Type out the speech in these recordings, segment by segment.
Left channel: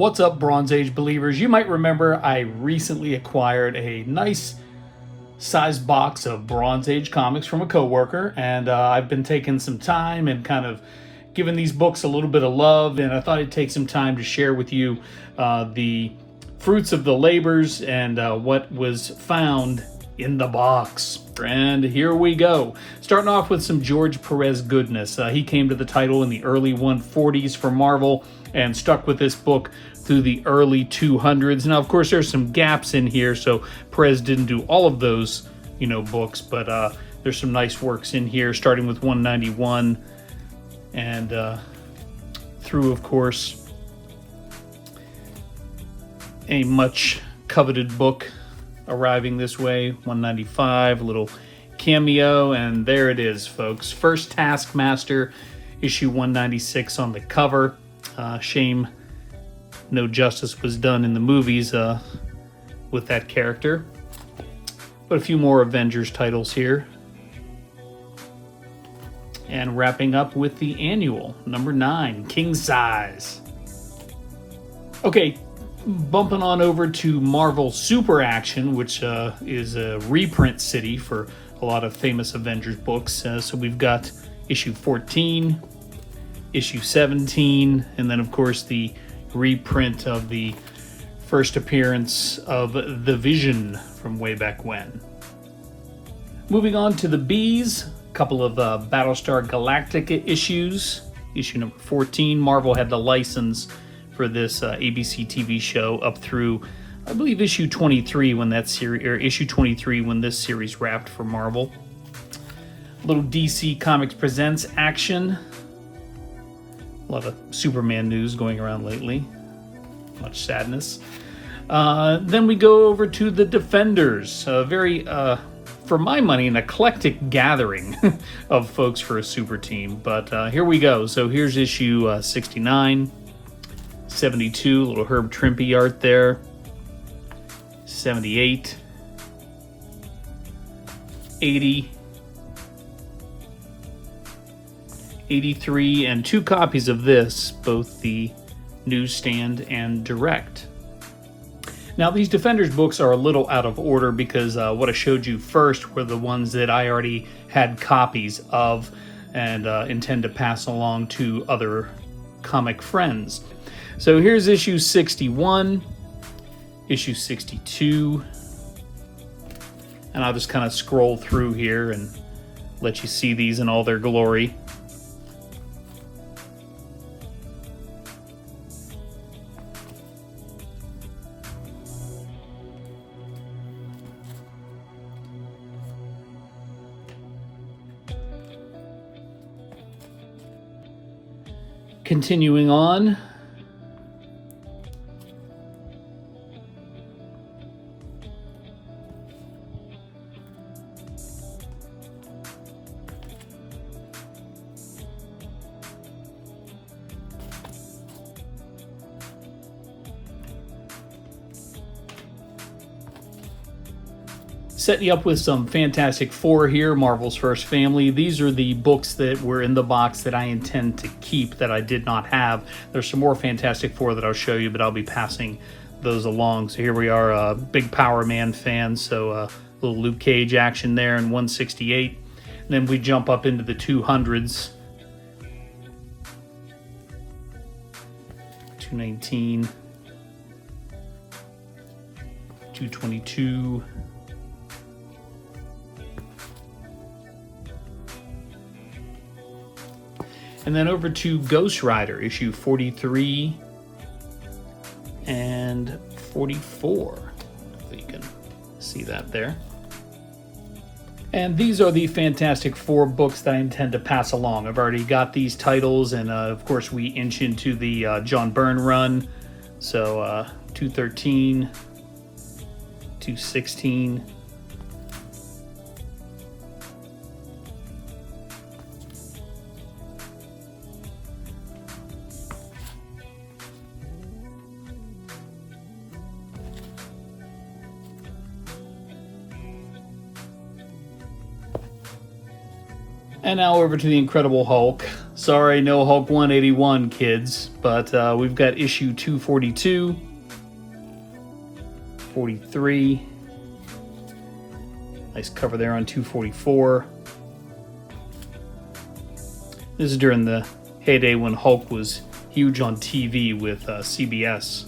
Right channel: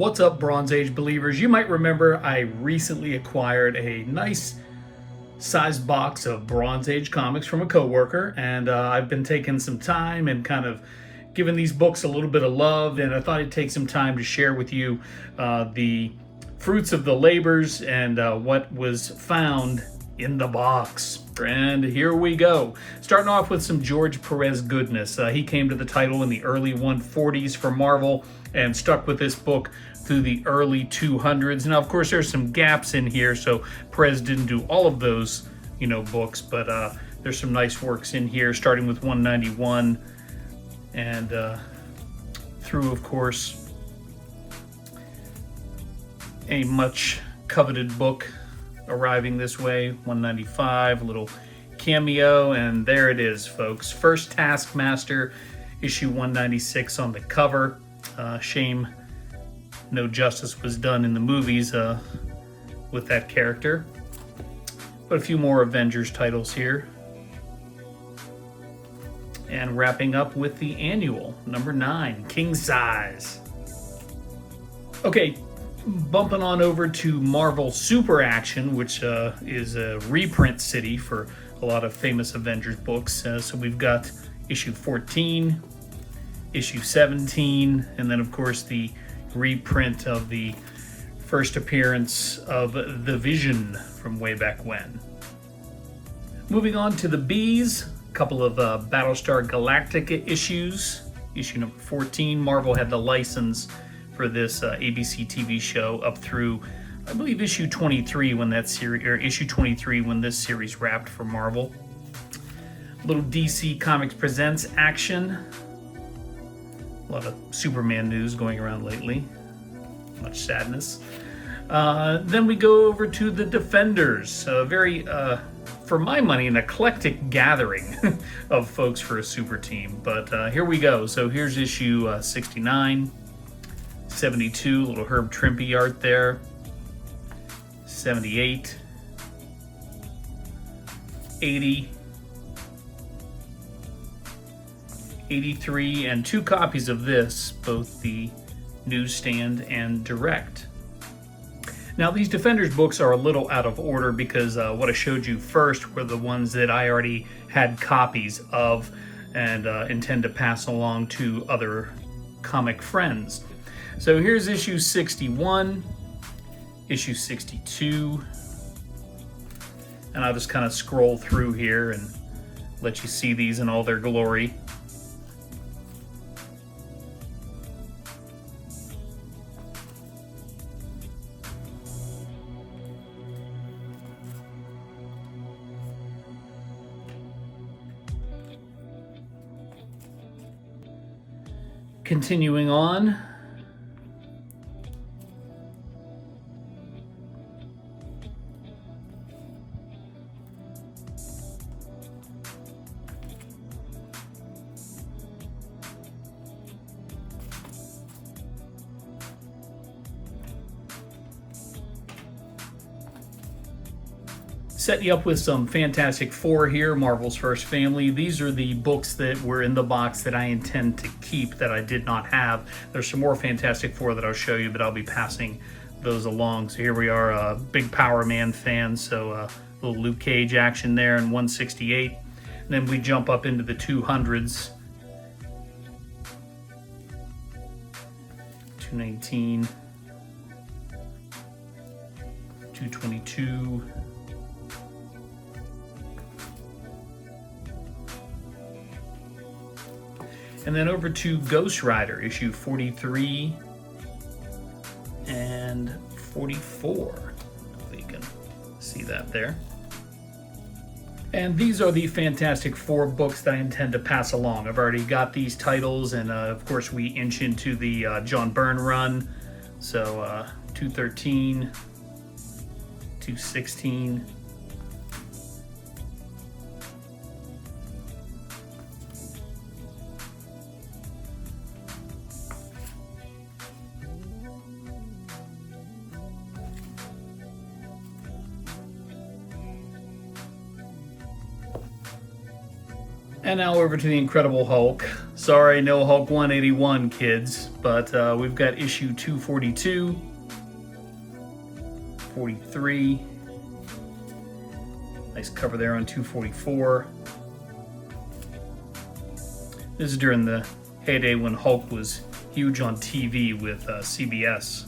What's up, Bronze Age believers? You might remember I recently acquired a nice sized box of Bronze Age comics from a coworker, and I've been taking some time and kind of giving these books a little bit of love, and I thought I'd take some time to share with you the fruits of the labors and what was found in the box. And here we go. Starting off with some George Perez goodness. He came to the title in the early 140s for Marvel and stuck with this book through the early 200s. Now, of course, there's some gaps in here, so Perez didn't do all of those, books, but there's some nice works in here, starting with 191 and through, of course, a much coveted book arriving this way, 195, a little cameo, and there it is, folks. First Taskmaster, issue 196 on the cover. Shame no justice was done in the movies with that character. But a few more Avengers titles here. And wrapping up with the annual, number 9, King Size. Okay, bumping on over to Marvel Super Action, which is a reprint city for a lot of famous Avengers books. So we've got issue 14, issue 17, and then of course the reprint of the first appearance of the Vision from way back when. Moving on to the Bees, a couple of Battlestar Galactica issues. Issue number 14, Marvel had the license for this ABC TV show up through, I believe, issue 23 when that series, or issue 23 when this series wrapped for Marvel. A little DC Comics Presents action. A lot of Superman news going around lately. Much sadness. Then we go over to the Defenders. A very, for my money, an eclectic gathering of folks for a super team. But here we go. So here's issue 69, 72, little Herb Trimpe art there. 78, 80, 83, and 2 copies of this, both the newsstand and direct. Now, these Defenders books are a little out of order because what I showed you first were the ones that I already had copies of and intend to pass along to other comic friends. So here's issue 61, issue 62, and I'll just kind of scroll through here and let you see these in all their glory. Continuing on, setting you up with some Fantastic Four here, Marvel's First Family. These are the books that were in the box that I intend to keep that I did not have. There's some more Fantastic Four that I'll show you, but I'll be passing those along. So here we are, big Power Man fans, so a little Luke Cage action there in 168. And then we jump up into the 200s. 219, 222, and then over to Ghost Rider, issue 43 and 44. If you can see that there. And these are the Fantastic Four books that I intend to pass along. I've already got these titles, and of course we inch into the John Byrne run. So 213, 216, And now over to the Incredible Hulk. Sorry, no Hulk 181, kids, but we've got issue 242, 43. Nice cover there on 244. This is during the heyday when Hulk was huge on TV with CBS.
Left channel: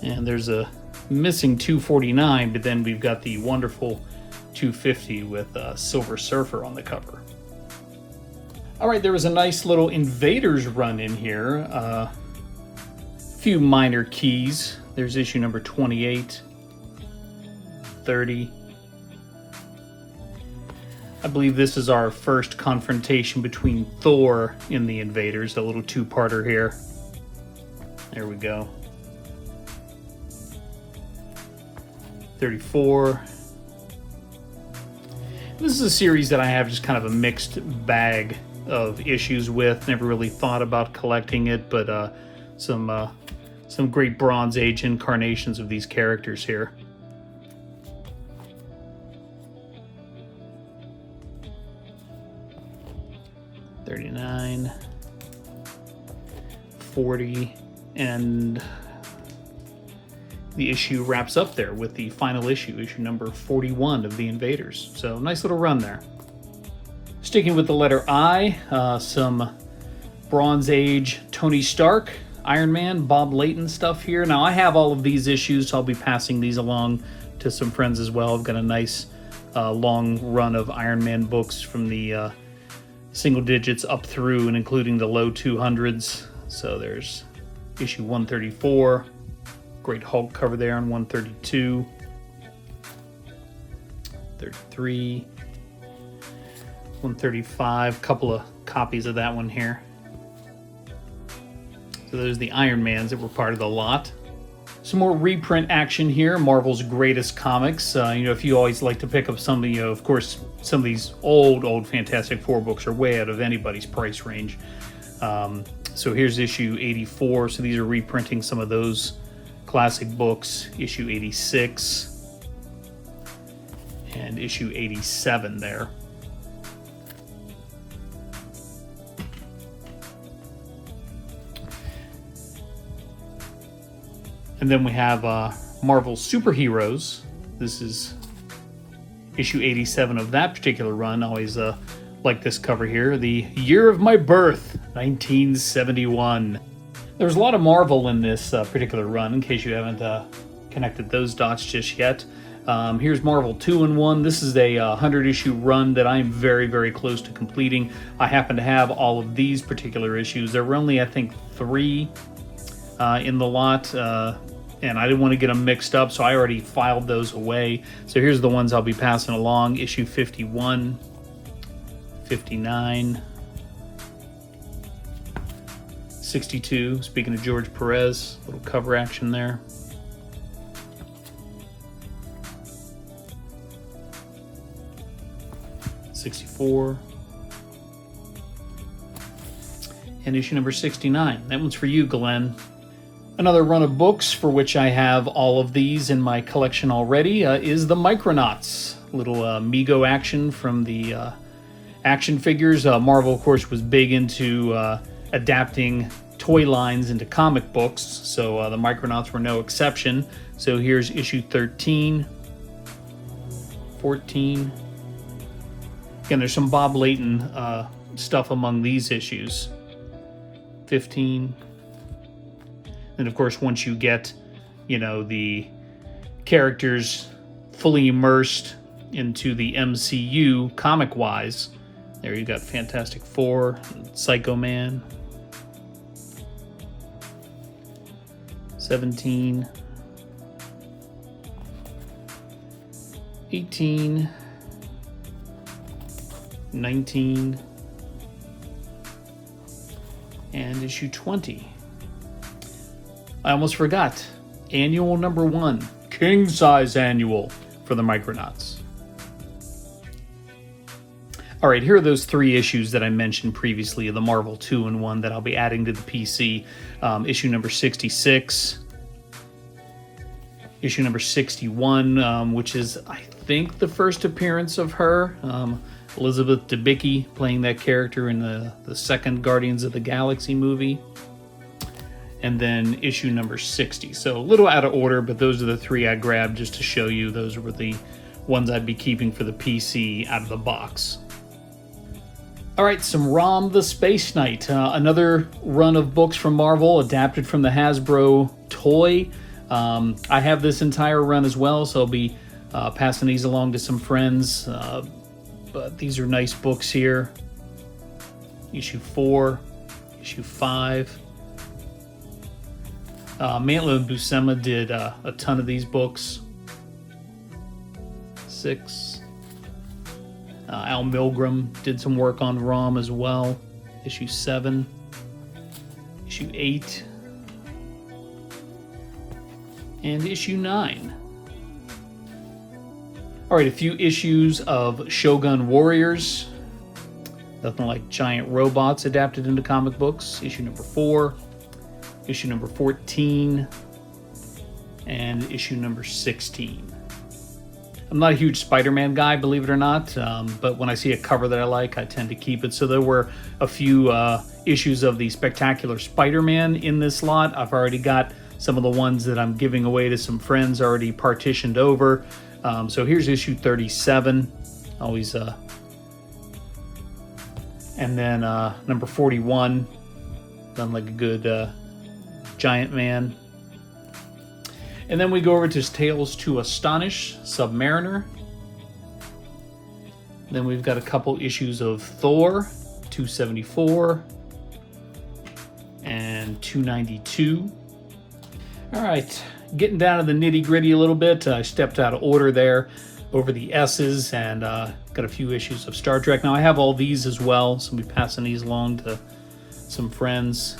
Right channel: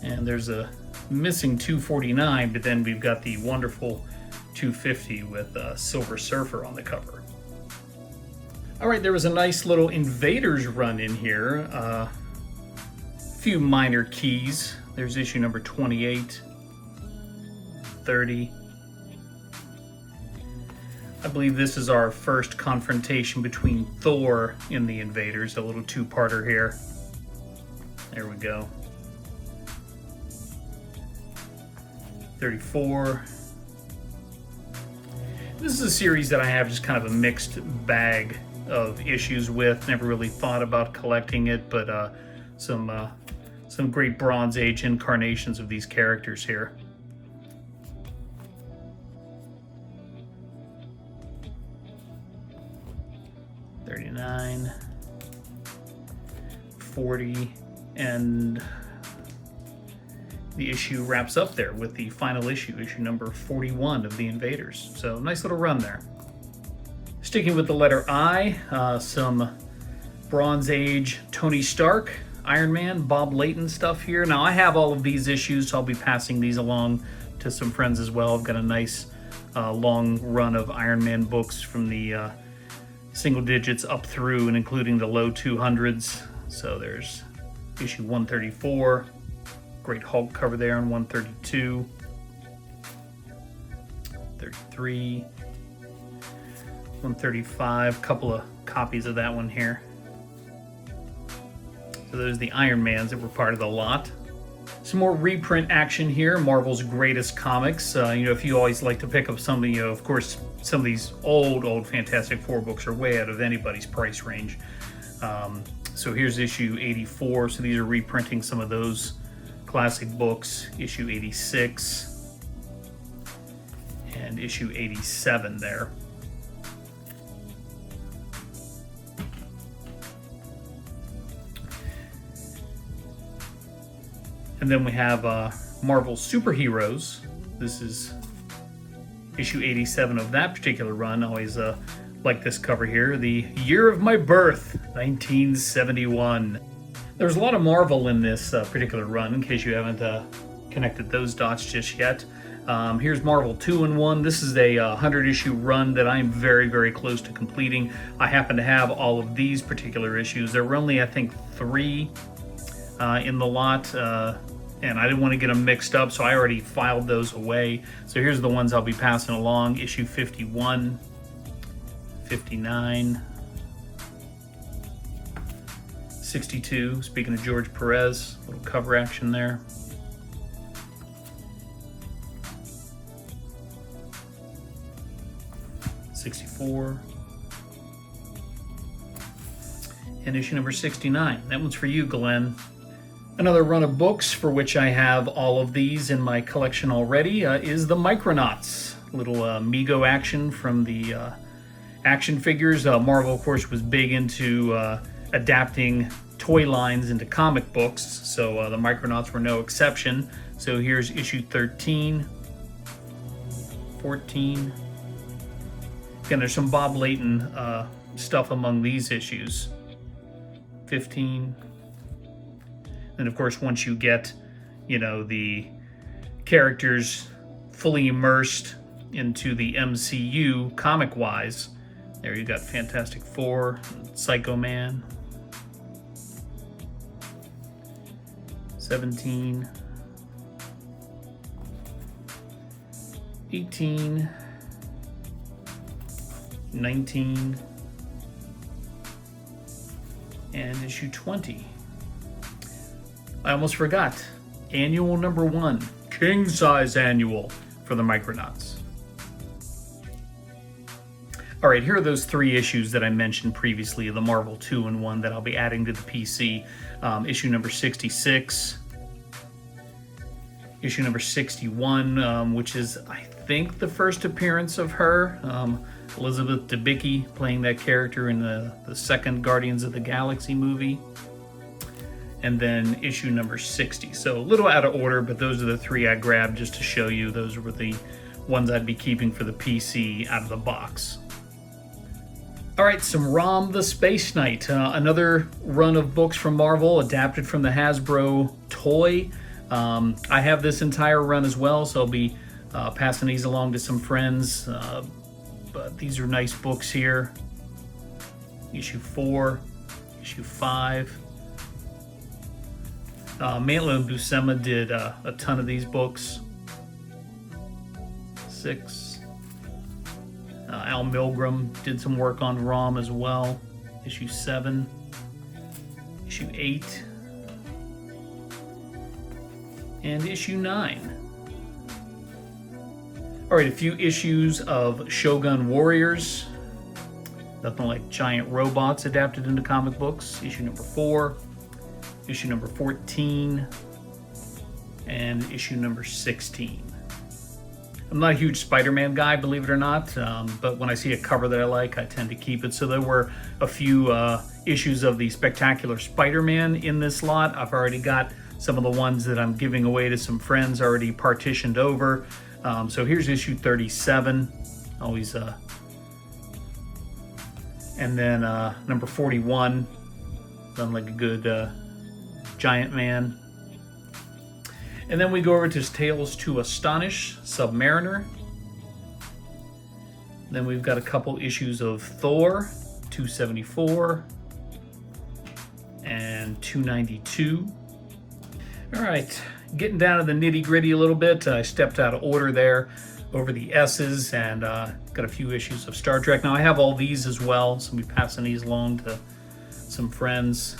And there's a missing 249, but then we've got the wonderful 250 with Silver Surfer on the cover. All right, there was a nice little Invaders run in here. A few minor keys. There's issue number 28, 30. I believe this is our first confrontation between Thor and the Invaders, a little two-parter here. There we go. 34. This is a series that I have just kind of a mixed bag of issues with. Never really thought about collecting it, but some great Bronze Age incarnations of these characters here. $39, $40, and the issue wraps up there with the final issue number 41 of the Invaders. So nice little run there. Sticking with the letter I, some Bronze Age Tony Stark, Iron Man, Bob Layton stuff here. Now I have all of these issues, so I'll be passing these along to some friends as well. I've got a nice long run of Iron Man books from the single digits up through and including the low 200s. So there's issue 134. Great Hulk cover there on 132, 33, 135, couple of copies of that one here. So there's the Iron Mans that were part of the lot. Some more reprint action here, Marvel's Greatest Comics. If you always like to pick up something, of course, some of these old Fantastic Four books are way out of anybody's price range. So here's issue 84, so these are reprinting some of those classic books, issue 86 and issue 87 there. And then we have Marvel Superheroes. This is issue 87 of that particular run. Always like this cover here. The Year of My Birth, 1971. There's a lot of Marvel in this particular run, in case you haven't connected those dots just yet. Here's Marvel 2-in-1. This is a 100-issue run that I am very, very close to completing. I happen to have all of these particular issues. There were only, I think, 3 in the lot, and I didn't want to get them mixed up, so I already filed those away. So here's the ones I'll be passing along. Issue 51, 59, 62, speaking of George Perez, little cover action there. '64. And issue number 69. That one's for you, Glenn. Another run of books for which I have all of these in my collection already is the Micronauts. Little Mego action from the action figures. Marvel, of course, was big into adapting toy lines into comic books, so the Micronauts were no exception. So here's issue 13, 14. Again, there's some Bob Layton stuff among these issues. 15. And of course, once you get, the characters fully immersed into the MCU comic-wise, there you got Fantastic Four, Psycho Man. 17, 18, 19, and issue 20. I almost forgot. Annual number 1, king size annual for the Micronauts. All right, here are those 3 issues that I mentioned previously, the Marvel 2-in-1 that I'll be adding to the PC. Issue number 66, issue number 61, which is, I think, the first appearance of her. Elizabeth Debicki playing that character in the second Guardians of the Galaxy movie. And then issue number 60. So a little out of order, but those are the three I grabbed just to show you. Those were the ones I'd be keeping for the PC out of the box. All right, some Rom the Space Knight. Another run of books from Marvel, adapted from the Hasbro toy. I have this entire run as well, so I'll be passing these along to some friends. But these are nice books here. Issue 4, issue 5. Mantlo and Buscema did a ton of these books. 6. Al Milgrom did some work on Rom as well. Issue 7. Issue 8. And issue 9. Alright, a few issues of Shogun Warriors. Nothing like giant robots adapted into comic books. Issue number 4. Issue number 14, and issue number 16. I'm not a huge Spider-Man guy, believe it or not, but when I see a cover that I like, I tend to keep it. So there were a few issues of the Spectacular Spider-Man in this lot. I've already got some of the ones that I'm giving away to some friends already partitioned over. So here's issue 37. Always, and then number 41. Done like a good Giant Man. And then we go over to Tales to Astonish, Submariner. Then we've got a couple issues of Thor, 274 and 292. All right, getting down to the nitty gritty a little bit. I stepped out of order there over the S's, and got a few issues of Star Trek. Now I have all these as well, so I'll be passing these along to some friends.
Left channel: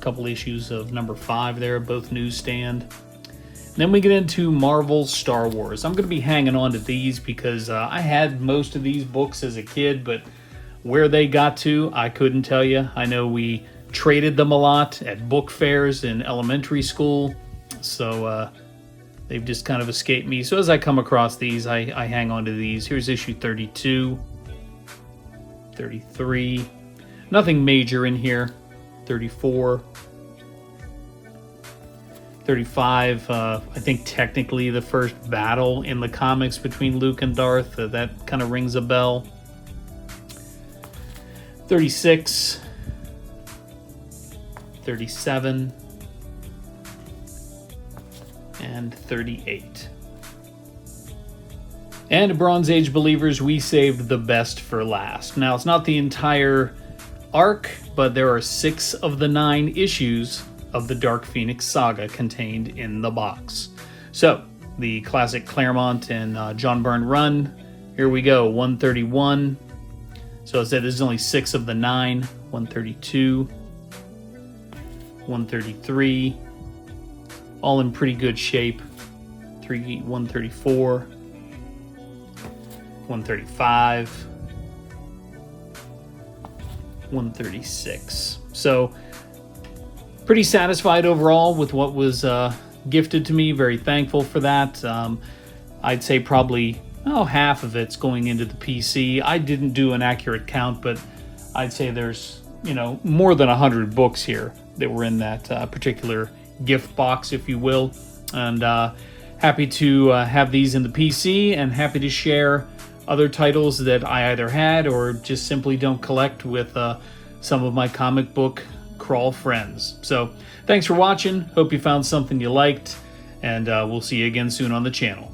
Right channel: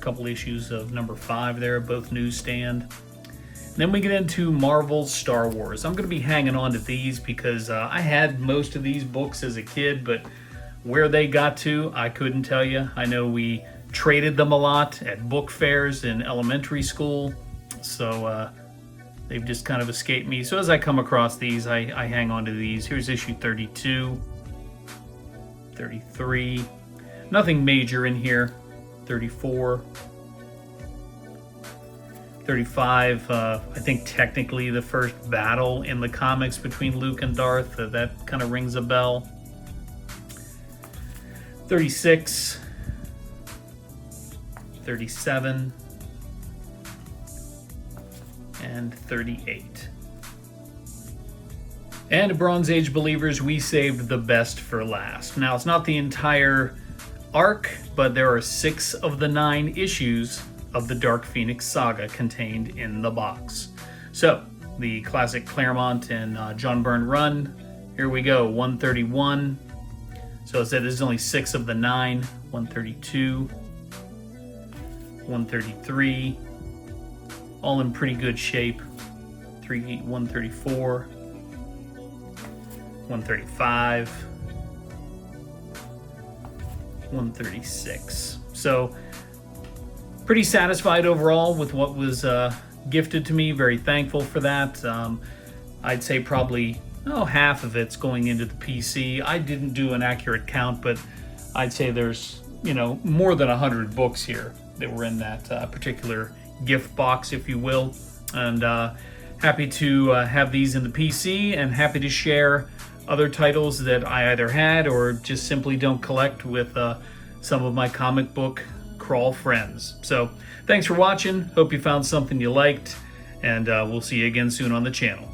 Couple issues of number 5 there, both newsstand. And then we get into Marvel's Star Wars. I'm going to be hanging on to these because I had most of these books as a kid, but where they got to, I couldn't tell you. I know we traded them a lot at book fairs in elementary school, so they've just kind of escaped me. So as I come across these, I hang on to these. Here's issue 32, 33. Nothing major in here. 34, 35, I think technically the first battle in the comics between Luke and Darth, that kind of rings a bell. 36, 37, and 38. And Bronze Age believers, we saved the best for last. Now, it's not the entire arc, but there are 6 of the 9 issues of the Dark Phoenix saga contained in the box. So, the classic Claremont and John Byrne run. Here we go, 131. So I said this is only 6 of the 9. 132, 133, all in pretty good shape. 134, 135. 136. So pretty satisfied overall with what was gifted to me. Very thankful for that. I'd say probably half of it's going into the PC. I didn't do an accurate count, but I'd say there's more than 100 books here that were in that particular gift box, if you will. And happy to have these in the PC, and happy to share other titles that I either had or just simply don't collect with some of my comic book crawl friends. So thanks for watching. Hope you found something you liked, and we'll see you again soon on the channel.